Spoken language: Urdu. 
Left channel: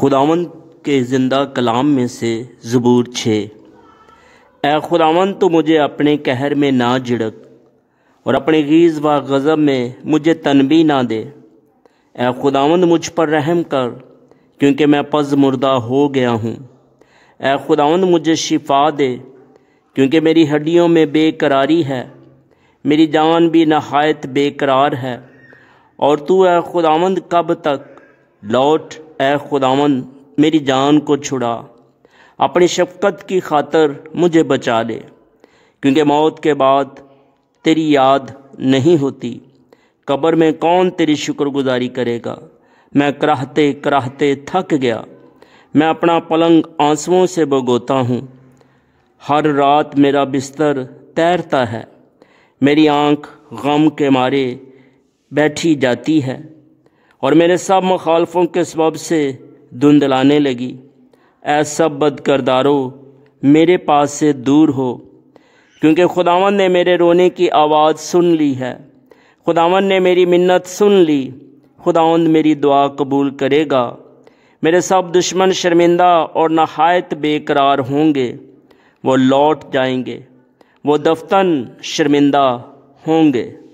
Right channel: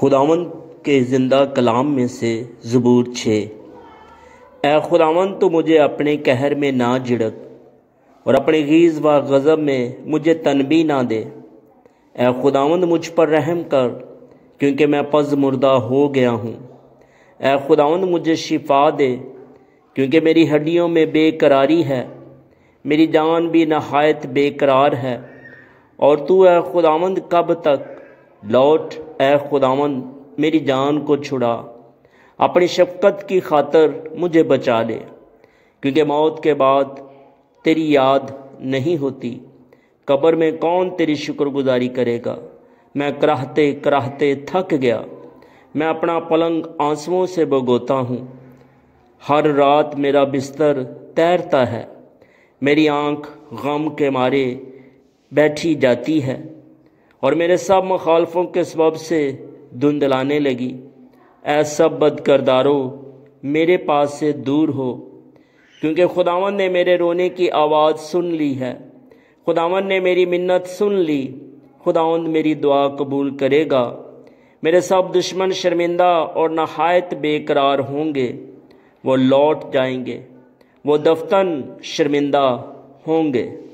خداوند کے زندہ کلام میں سے زبور 6۔ اے خداوند تو مجھے اپنے قہر میں نہ جھڑک اور اپنے غیظ و غضب میں مجھے تنبیہ نہ دے۔ اے خداوند مجھ پر رحم کر کیونکہ میں پز مردہ ہو گیا ہوں۔ اے خداوند مجھے شفا دے کیونکہ میری ہڈیوں میں بے قراری ہے، میری جان بھی نہایت بے قرار ہے۔ اور تو اے خداوند کب تک؟ لوٹ اے خداوند میری جان کو چھڑا، اپنی شفقت کی خاطر مجھے بچا لے، کیونکہ موت کے بعد تیری یاد نہیں ہوتی۔ قبر میں کون تیری شکر گزاری کرے گا؟ میں کراہتے کراہتے تھک گیا، میں اپنا پلنگ آنسوؤں سے بھگوتا ہوں۔ ہر رات میرا بستر تیرتا ہے، میری آنکھ غم کے مارے بیٹھی جاتی ہے اور میرے سب مخالفوں کے سبب سے دھندلانے لگی۔ اے سب بد کردارو میرے پاس سے دور ہو، کیونکہ خداوند نے میرے رونے کی آواز سن لی ہے، خداوند نے میری منت سن لی۔ خداوند میری دعا قبول کرے گا۔ میرے سب دشمن شرمندہ اور نہایت بے قرار ہوں گے، وہ لوٹ جائیں گے، وہ دفتن شرمندہ ہوں گے۔